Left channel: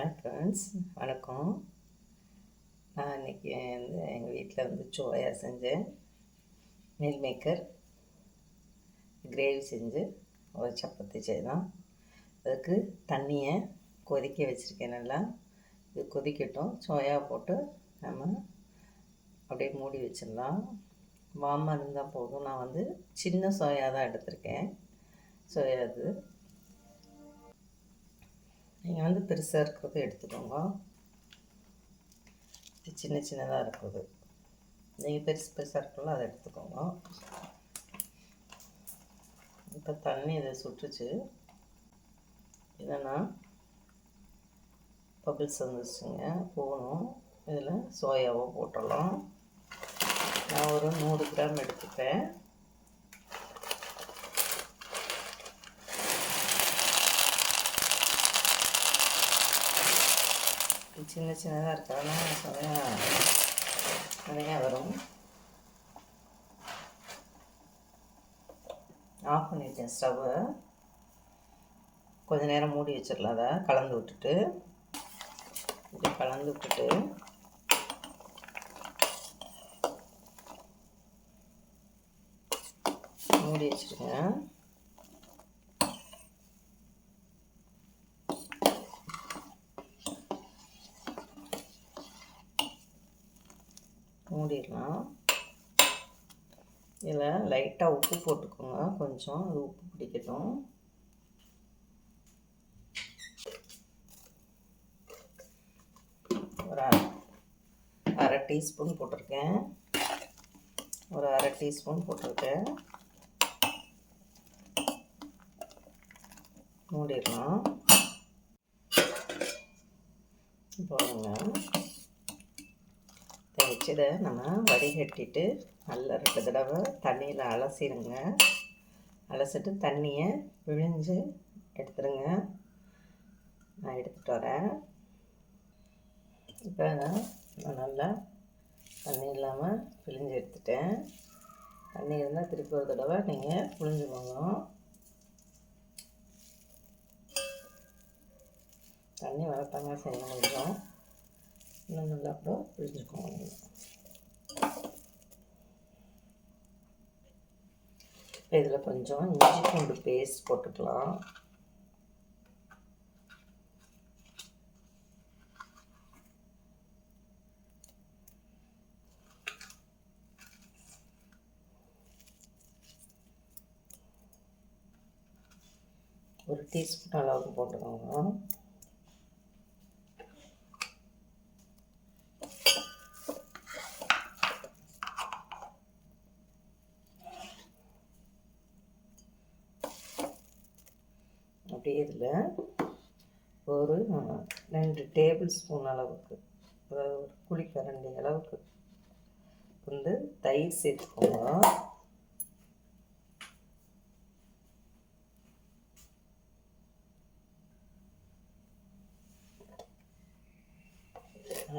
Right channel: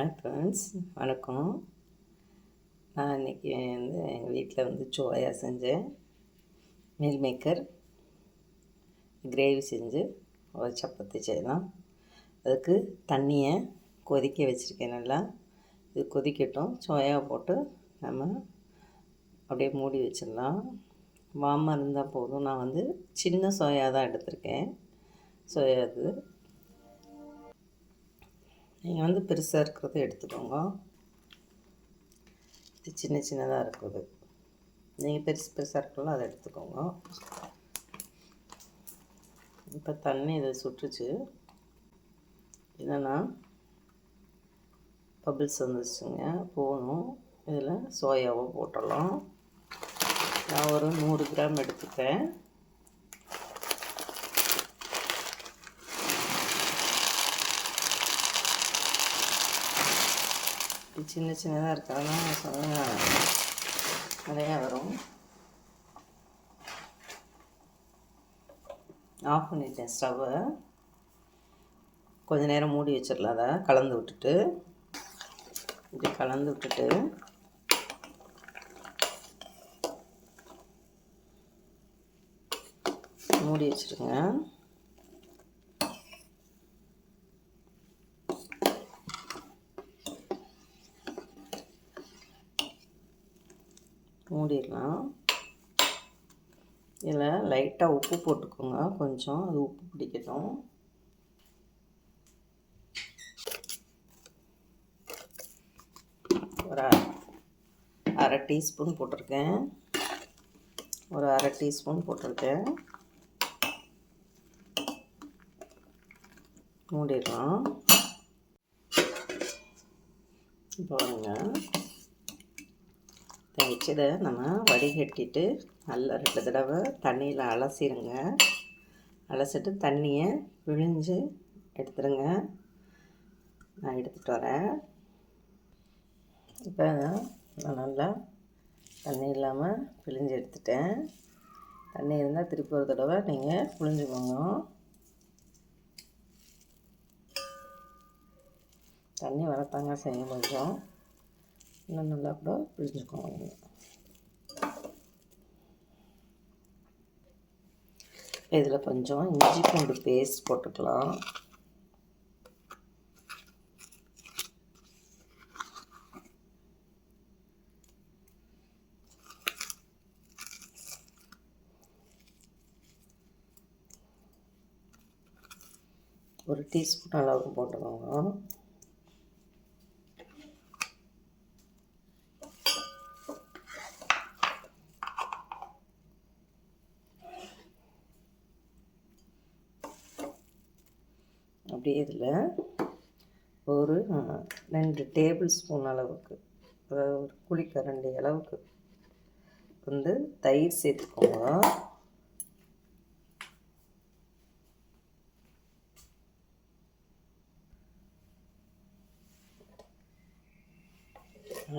Hi friends, வணக்கம். நான் இன்றைக்கி எங்கள் வீட்டில் சோயா செஞ்சேன். மீல் மேக்கர் கிரேவி செஞ்சு ஒரு சப்பாத்தி செய்யலாம். அதுக்கு தண்ணியை கொதிக்க வச்சுருக்கேன். நல்லா இது கொதிக்கட்டும். சோயா போட்டு நம்ம அப்படியே மூடி வச்சிடலாம். வார்மாக இருந்தால் போதும். நான் சின்ன சோயா தான் எடுத்திருக்கேன். சோயா இது நீங்கள் பெருசாக இருக்கிறது எடுத்துக்கோங்க. இது சின்ன சின்னதாக இருக்குது. நீங்கள் பெருசாக இருக்கல அதை எடுத்துக்கோங்க. இப்போ தண்ணி இதை சுட்டுச்சு. என்னென்னா பபிள்ஸ் வந்துச்சுங்க, போகணும். இதில் சோயாவை போட்டுடலாம். நான் ஒரு 100 கிராம் எடுத்துப்பேன். சின்ன சின்னதாக இருக்கிறதுனால சோயா நிறையா வரும். ஆஃப் பண்ணிட்டேன் ஸ்டவ்வை. கொஞ்சம் நேரம் மூடி வச்சிடலாம். அதை கலந்து விட்டுட்டு இப்படி கலந்து விட்டுட்டு மூடி வச்சுருங்க. மூடிடலாம். இதில் லைட்டாக உப்பு போட்டுக்கோங்க. கொஞ்சம் அது உப்பு பிடிக்கட்டும். ஒரு அரை டீஸ்பூன் போட்டிருக்கேன். மூடிடலாம். பாருங்க, வச்சதை நம்ம வடிகட்டிட்டு நல்லா 2 தடவை தண்ணியில் அலசிடுங்க. அலசிட்டு தண்ணியை பிழிஞ்சு எடுத்துருங்க. நான் எடுத்துகிட்டு வரேன். இப்போ நான் நல்லா தண்ணி இல்லாமல் பிழிஞ்சு எடுத்துட்டேன். தண்ணி இருந்தால் திருப்பி ஒரு தடவை நீங்கள் பிழிஞ்சுக்கோங்க. தண்ணி வரத்தாங்க செய்யும். கொஞ்சம் இன்னும் நல்லா கூட பிழிஞ்சுக்கோங்க. இதில் கொஞ்சம் இஞ்சி பூண்டு பேஸ்ட் போட்டுக்கலாம். ஒரு டீஸ்பூன் அளவுக்கு போட்டுக்கோங்க. அப்படியே இதில் ஒரு 2 டேபிள் ஸ்பூன் அளவுக்கு, அதாவது ஒரு குழிக்கரண்டி அளவுக்கு தயிர் சேர்த்துக்கோங்க.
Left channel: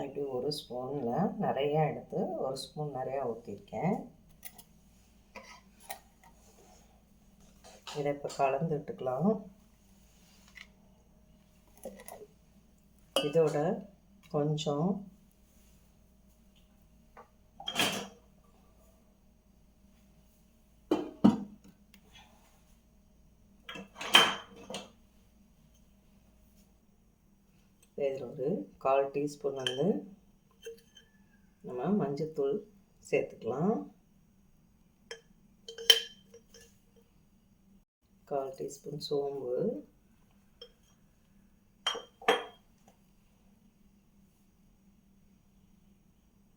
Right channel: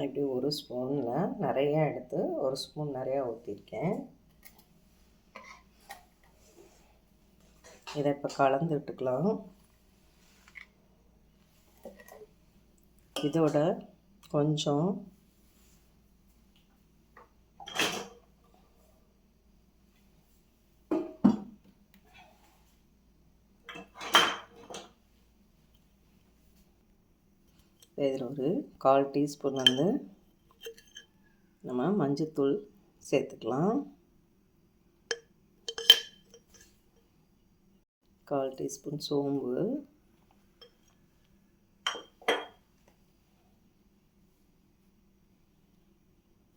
இப்படி ஒரு ஸ்பூனில் நிறையா எடுத்து ஒரு ஸ்பூன் நிறையா ஊற்றிருக்கேன். இதை இப்போ கலந்து விட்டுக்கலாம். இதோட கொஞ்சம் இதில் ஒரு 1/4 டீஸ்பூன் நம்ம மஞ்சத்தூள் சேர்த்துக்கலாம். 1/4 டீஸ்பூன் சோம்பு,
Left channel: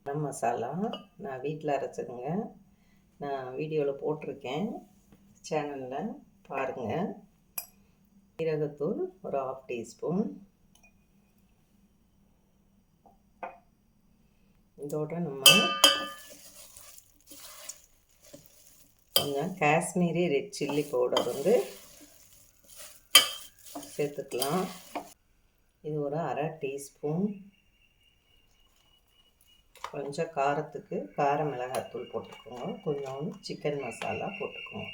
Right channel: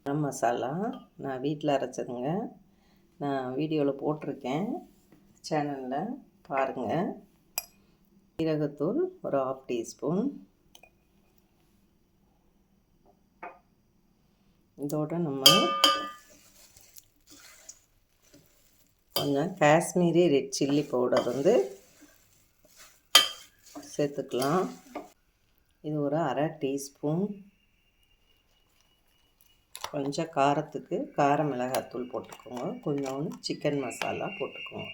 கரம் மசாலா நான் வீட்டில் அரைச்சதுங்க. நான் வீடியோவில் போட்டிருக்கேன், சேனலில் பாருங்கள். சீரகத்தூள் ஒரு 1/2 டீஸ்பூன். இதோட நம்ம கொஞ்சம் காஷ்மீரி ரெட் சில்லி பவுடர் சேர்த்துக்கலாம். இது ஒரு 1/2 டீஸ்பூன். கொஞ்சம் காரத்துக்கு கார மிளகாத்தூள் போட்டுக்கோங்க. கொஞ்சம் சிக்கன் மசாலா போட்டுக்கோங்க.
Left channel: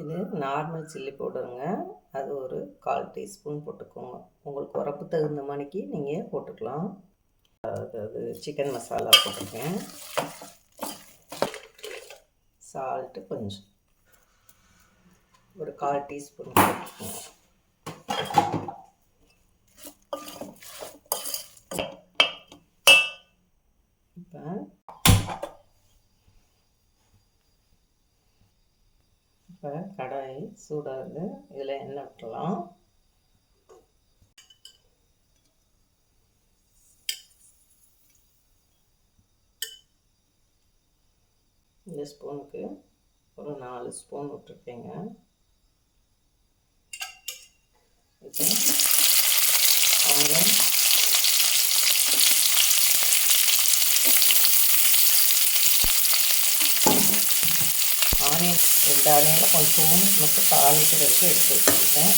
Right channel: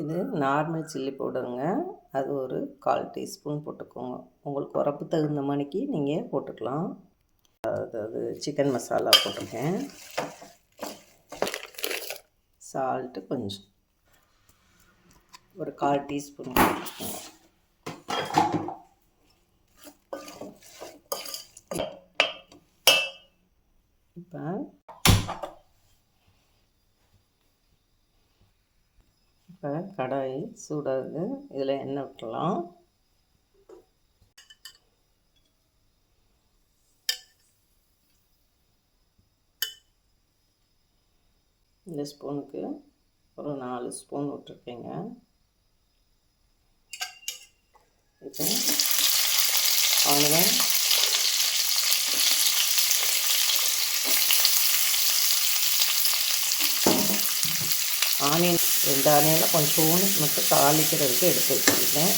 இது நார்மல் சில்லி பவுடருங்க. அது ஒரு 1/4 டீஸ்பூன் போட்டுக்கோங்க. உங்களுக்கு உரப்பு தகுந்த மாதிரிக்கு நீங்கள் போட்டுக்கலாம். அதாவது சிக்கன் மசாலா போட்டிருக்கேன். சால்ட்டு கொஞ்சம் ஒரு 1/4 டீஸ்பூன் போட்டுக்கோங்க. இப்போ கடாய் சூடாகுது. இதில் எண்ணெய் விட்டுலாம். இந்த ஸ்பூனுக்கு ஒரு 4 ஸ்பூன் விட்டுருக்கேங்க. இப்போ ஆனியன் ஆனியன் 2 ஆனியனில் கொஞ்சம் மட்டும் தாளிக்கிறதுக்கு எடுத்து வச்சுருக்கேன்.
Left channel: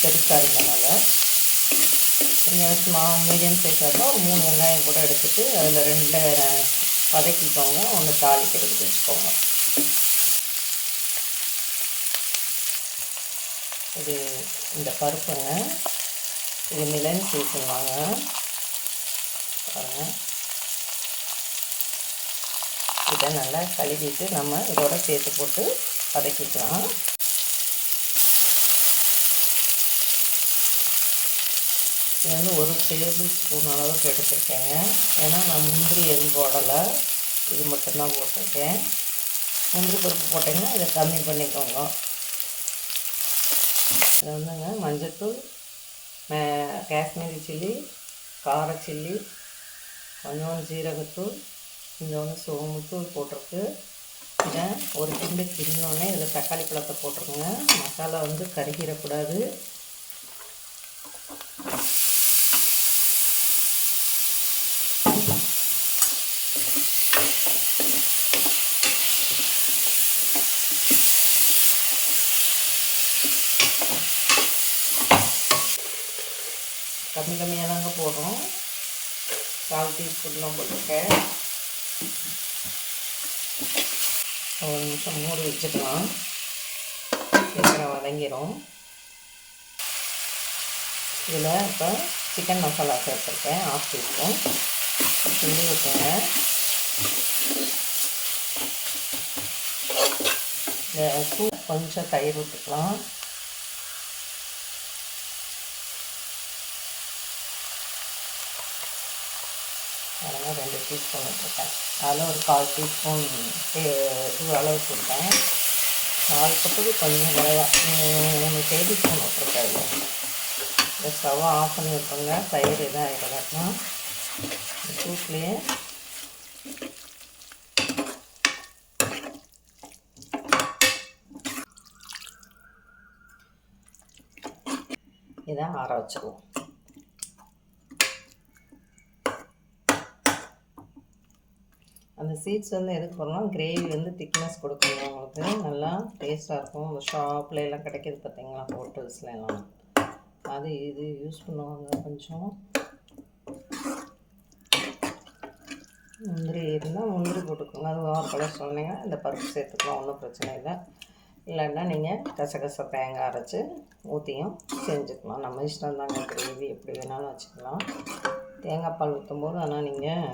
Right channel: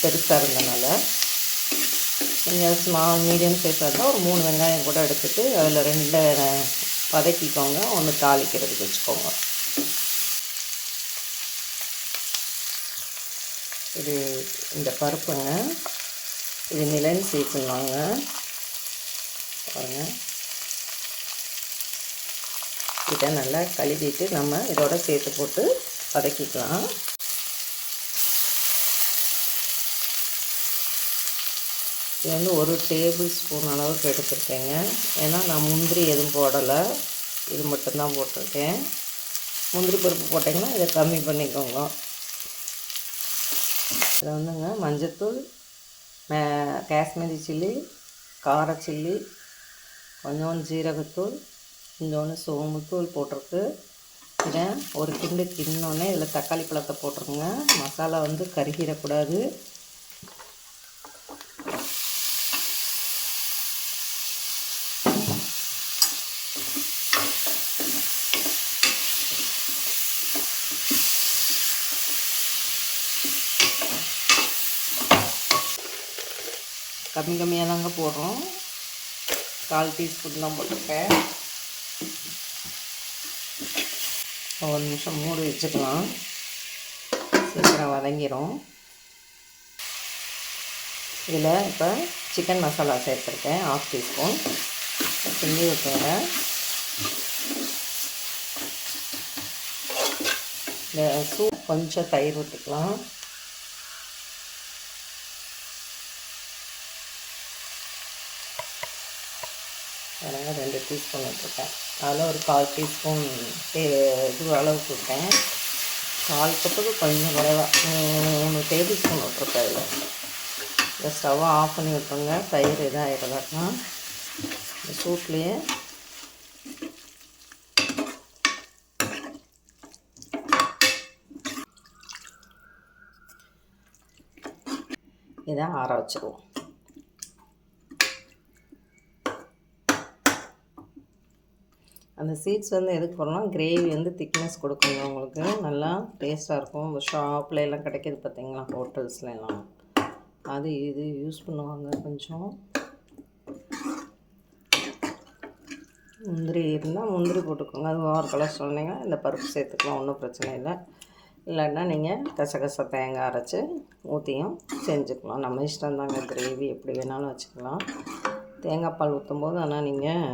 பெருசாக இருந்தனால நீங்கள் மீடியம் சைஸாக இருந்தால் ஒரு 3 வெங்காயம் கூட எடுத்துகிட்டு அதில் 2 வதக்கிக்கோங்க. ஒன்று தாளிக்கிறதுக்கு வச்சுக்கோங்க. இது இந்த பருப்புங்க, இது மிளன் சீசன்வாங்க பாருங்கள். இதை நல்லா கழுவிட்டு நம்ம இதோட சேர்த்து போட்டு வதக்கிக்கலாம். இது வந்து 1 டேபிள் ஸ்பூன் அளவுக்கு எடுத்துருக்கேங்க. ஏன்னா நான் முந்திரி எதுவும் போடலை, இது மட்டும்தான் போட்டிருக்கேன். முந்திரி பருப்பு போட்டிங்கன்னா இதை கம்மி பண்ணிக்கோங்க. இது வந்துங்க மஞ்சத்தூள், காஷ்மீரி சில்லி, கார சில்லி, கொஞ்சோண்டு ஜீரகத்தூள், கொஞ்சோண்டு சோம்புத்தூள் போட்டிருக்கு. இதை ஒரு கிண்டு கிண்ணோடனே இதில் தக்காளி பழத்தை போட்டிருக்குங்க. மசாலா வந்து கருகிடக்கூடாது. கம்மியாக தாங்க போடுறோம். 1/4 டீஸ்பூன் தான் போட்டிருக்கேன். ஒரு நிமிஷம் மூடி வச்சுக்கலாம், சீக்கிரம் வதங்கிடும். இதில் இப்போ சிக்கன் மசாலா சேர்த்துருக்கேன் 1/2 டீஸ்பூன். கிண்டி விட்டுறேன். கொஞ்சம் தயிர் விட்டுக்கலாம். அதனால் 2 டீஸ்பூன் விட்டுருக்கேன். அதில் ஒரு 1/4 டீஸ்பூன் இது அளவு கொடுத்தேன். 4 கப்புக்கு கொஞ்சம் நிறையா 3 டேபிள் ஸ்பூன் விட்டுருக்கேன். அதில் இந்த ஸ்டவ்வை ஆஃப் பண்ணி விட்டுருங்க. தயிர் இதாக ஆகிடலாம். இந்த சூப்லேயே இதை ஆற வச்சுருவோம். அந்த சீட்ஸ் வந்து எதுக்கு போடலாம், கிரேவி வந்து திக்னஸ் கொடுக்குங்க. உங்களுக்கு நல்லா டேஸ்ட்டாக இருக்கும். ஷாப்பில் எல்லாம் கிடைக்கிது பார்த்தீங்களா, ஹோட்டல்ஸ்லாம். அது இது யூஸ் பண்ணுவாங்க. கொஞ்சம் முந்திரி இருந்தால் முந்திரி போட்டுக்கோங்க. அது ஓவர் கலர் சொன்னீங்கன்னா இந்த பருப்பு சேர்த்துக்கலாம், ஒன்றும் பிரச்சனை இல்லை. இல்லைன்னா நீங்கள் கசகசா தேங்காய் அரைச்சி ஊற்றியும் செஞ்சுக்கலாம். நம்ம இஷ்டம் தாங்க. கிரேவி எப்படி வேணாலும் வச்சுக்கலாம். தேங்காய் பால் ஊற்றும் போது ஆனால் நீங்கள்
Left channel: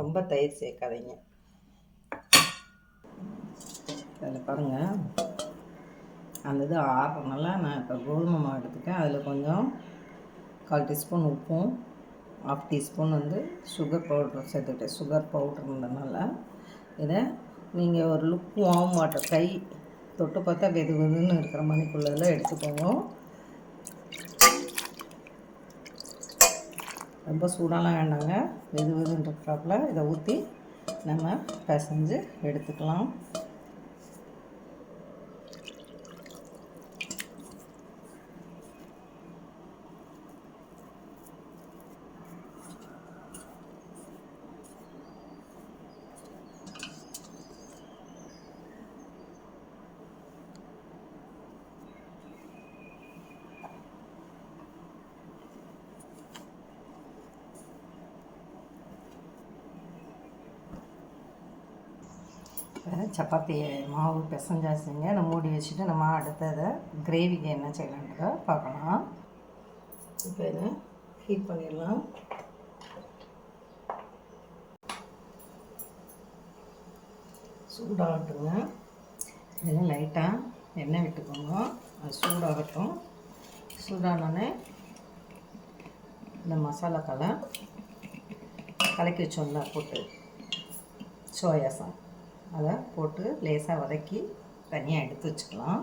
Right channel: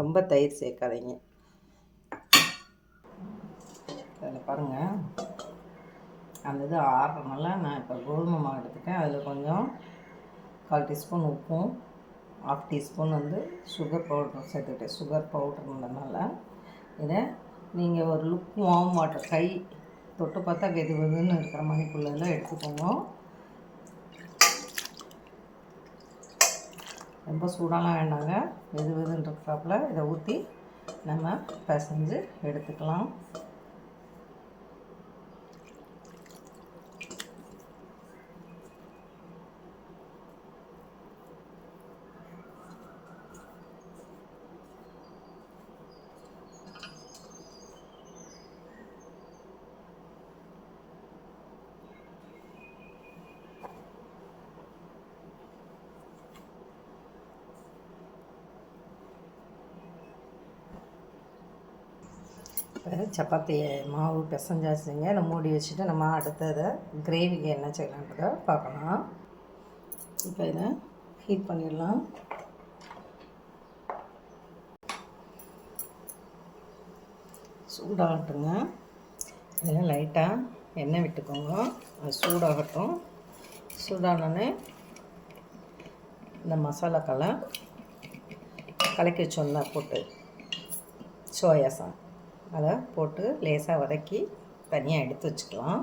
ரொம்ப தயிர் சேர்க்காதீங்க. அதில் பாருங்கள், அந்த இது ஆறுறதுனால நான் இப்போ கோதுமை மாவு எடுத்துட்டேன். அதில் கொஞ்சம் 1/4 டீஸ்பூன் உப்பும் 1/2 டீஸ்பூன் வந்து சுகர் பவுடர் சேர்த்துக்கிட்டேன். சுகர் பவுடர்ன்றதுனால இதை நீங்கள் ஒரு லுக் வார்ம் வாட்டர், கை தொட்டு பார்த்தா வெது வெதுன்னு இருக்கிற மாதிரிக்குள்ளதில் எடுத்துக்கோங்க. ரொம்ப சூடாலாம் வேண்டாங்க, வெது வெதுன்றப்பல இதை ஊற்றி நம்ம பிசைஞ்சு எடுத்துக்கலாம். சப்பாத்தி மாவு பிசைஞ்சாச்சுங்க. நம்ம மூடி வச்சுட்டு நம்ம அடுத்ததை கிரேவிக்கு என்ன செய்யலான்றதை பார்க்கலாம். இப்போ இதை ஹீட் பண்ணிடலாம். சூடாகட்டுங்க. இதில் லைட்டாக எண்ணெய் விட்டுக்கோங்க. அது சூடாகட்டும். சூடானோடனே இந்த மசாலா கலக்கி வச்சோம்ல போட்டு சோயா சாஸ் அதை போட்டு லேசாக வதக்கி தனியாக எடுத்து வச்சுக்கலாம்.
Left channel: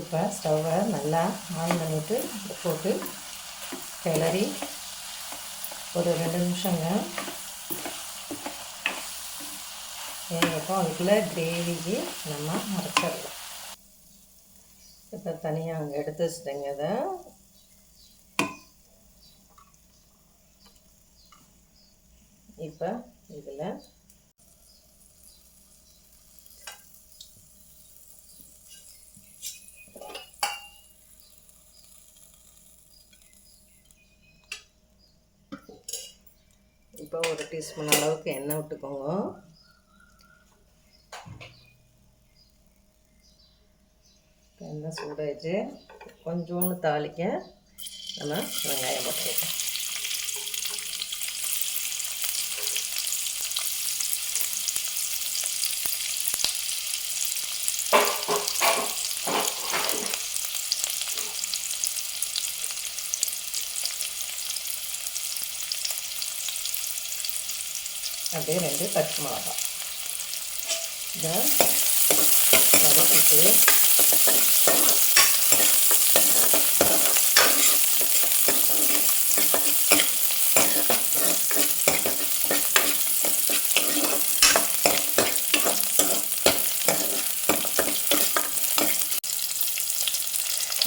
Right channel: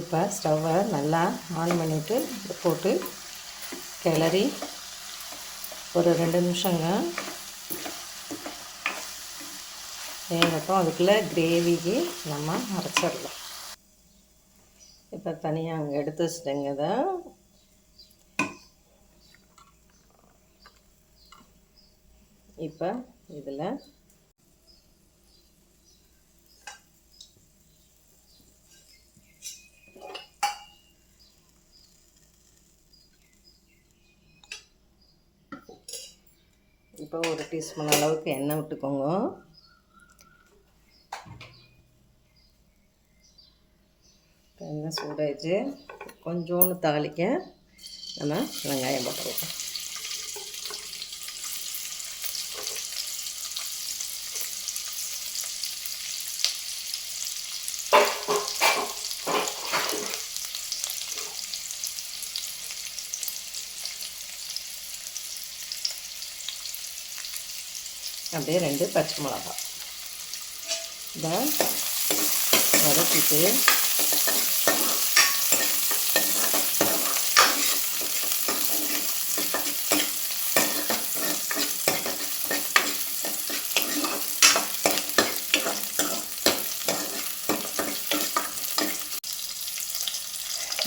இப்போ ஸ்டவ்வை நல்லா ஆன் பண்ணிவிட்டு போட்டு கிளறி ஒரு 2 நிமிஷங்க வேகட்டும். அதுக்குள்ளே கிரேவிக்கு நம்ம அரைச்சிடலாம். இப்போ தனியாக அங்கே எடுத்து வச்சுட்டேங்க. இதை இப்போ இதில் இப்போ 1 டீஸ்பூன் அளவுக்கு எண்ணெய் விட்டுக்கோங்க. எண்ணெய் சூடாயிடுச்சு. கொஞ்சோண்டு தாளிக்க நம்ம வெங்காயம் போட்டுக்கலாம். அப்படியே 2 பச்சை மிளகாய் இதை வதக்கிட்டு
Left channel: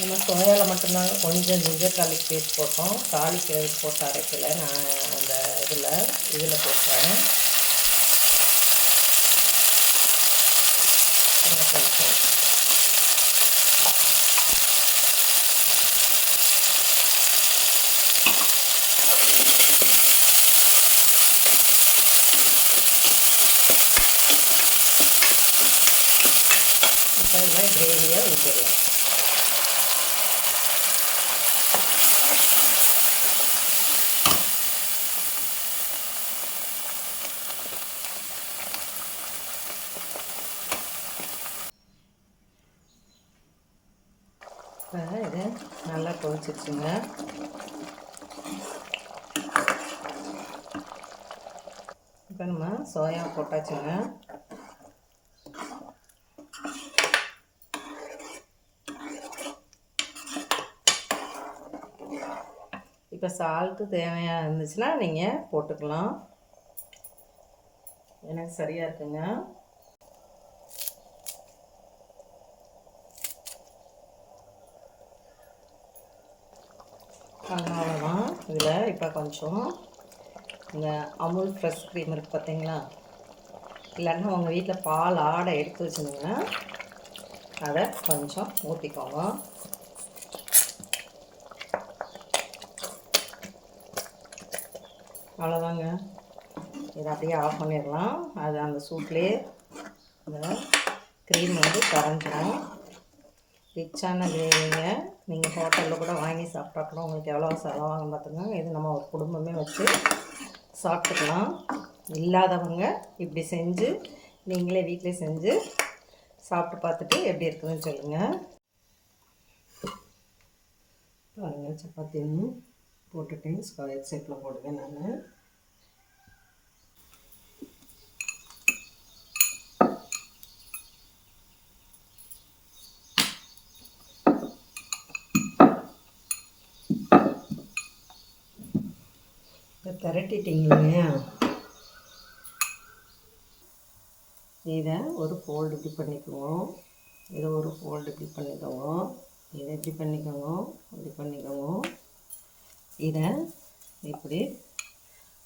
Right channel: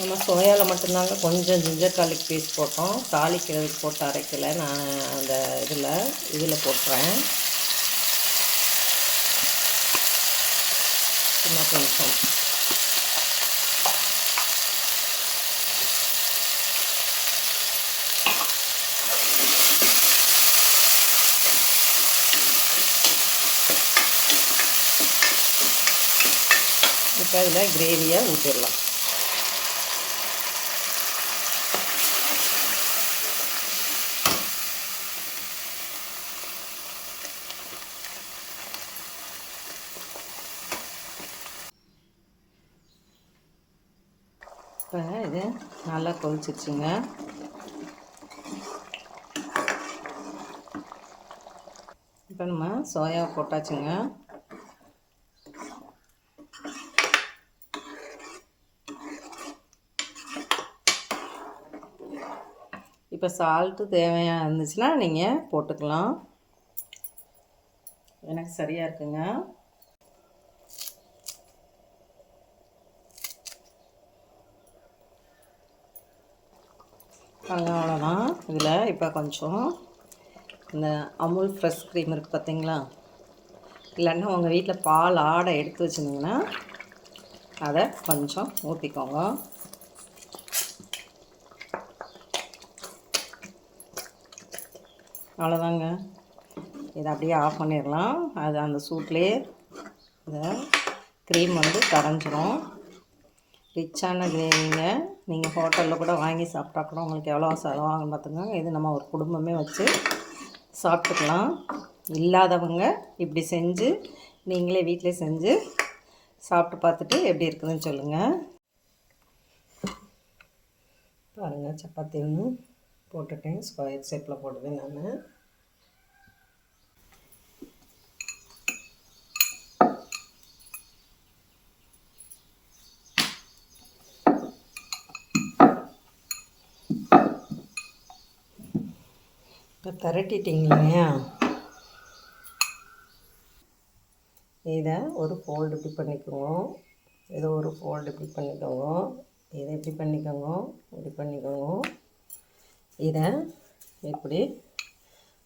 நம்ம சோயாவில் மட்டும்தாங்க கொஞ்சம் ஜிஞ்சர் கார்லிக் பேஸ்ட் போட்டோம். தாளிக்கிறதுக்கு போட்டு அரைக்கலை. நான் அந்த இதில் போட்டுறேன். கொஞ்சம் இப்போ இதில் கிரேவியை ஊற்றிடலாம். இப்போ இது நல்லா கொதிச்சிருச்சுங்க. இப்போ நம்ம சோயா போட்டாச்சுங்க. இப்போ சால்ட்டு தேவையாக இருந்துச்சுன்னா நீங்கள் போட்டுக்கலாம். எனக்கு சரியாக இருக்குங்க. அவ்வளோதான். இதில் இப்போ கொஞ்சம் இந்த அமுல் ஃப்ரெஷ் க்ரீம் இருக்குது பார்த்தீங்களா, இல்லைன்னா உங்கள் வீட்டில் பால் ஆடை எடுத்து வச்சுருந்தீங்கன்னா அதை கொஞ்சம் ஊற்றிக்கோங்க. அவ்வளோதாங்க. இதை அப்படியே ஆஃப் பண்ணிடலாம். அது அந்த சூட்லேயே இந்த க்ரீம் கரைஞ்சிரும். ரிச்சான கிரேவிங்க. நீங்கள் ஹோட்டலில் கூட வாங்கி சாப்பிட்டா கூட உங்களுக்கு எவ்வளோ செலவாகும் பார்த்துங்க. இது நம்ம ஒரு குடும்பமே வச்சு சாப்பிட்டுக்கலாம். இல்லாதவங்க இப்படி செஞ்சு நீங்களே வீட்டிலே செஞ்சு சாப்பிட்டு பார்த்துட்டு எப்படி இருக்குதுன்னு சொல்லுங்கள். பாருங்கள், சப்பாத்தி ஒன்று போட்டுட்டேன். ஸ்கொயர் ஷேப்பில் போடுவேன் நான். இப்போ திரட்டிட்டிங்களா, இதை ஒரு ஃபோல்டு இப்படி பண்ணிக்குவோம். இதை ஒரு ஃபோல்டு இப்படி பண்ணிக்கோங்க. இதை இப்படி பண்ணிக்கோங்க, இப்படி பண்ணிக்கோங்க. இதை இப்படி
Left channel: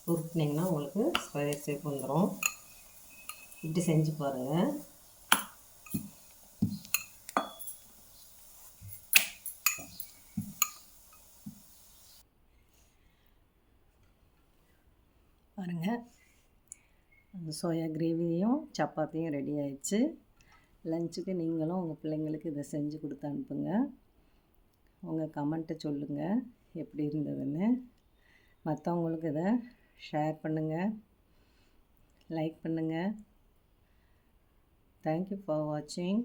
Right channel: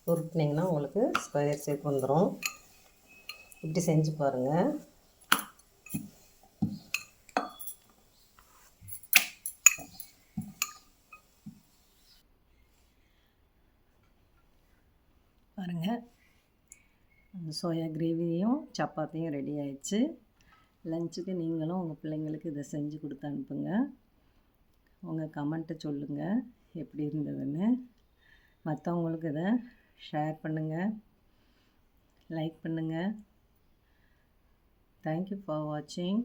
உருட்டினீங்கன்னா உங்களுக்கு ஸ்கொயர் ஷேப் வந்துடும். இப்படி செஞ்சு பாருங்கள். பாருங்கள், சோயா கிரேவியும் சப்பாத்தியும் ரெடி ஆயிடுச்சு. லஞ்சுக்கு நீங்களும் உங்கள் பிள்ளைங்களுக்கு இதை செஞ்சு கொடுத்து அனுப்புங்க. உங்கள் கமெண்ட்டை சொல்லுங்கள் எப்படி இருந்ததுன்னு. மற்றவங்களுக்கு இதை ஷேர் பண்ணுங்கள், லைக் பண்ணுங்கள். தேங்க்யூ ஃபார் வாட்சிங்.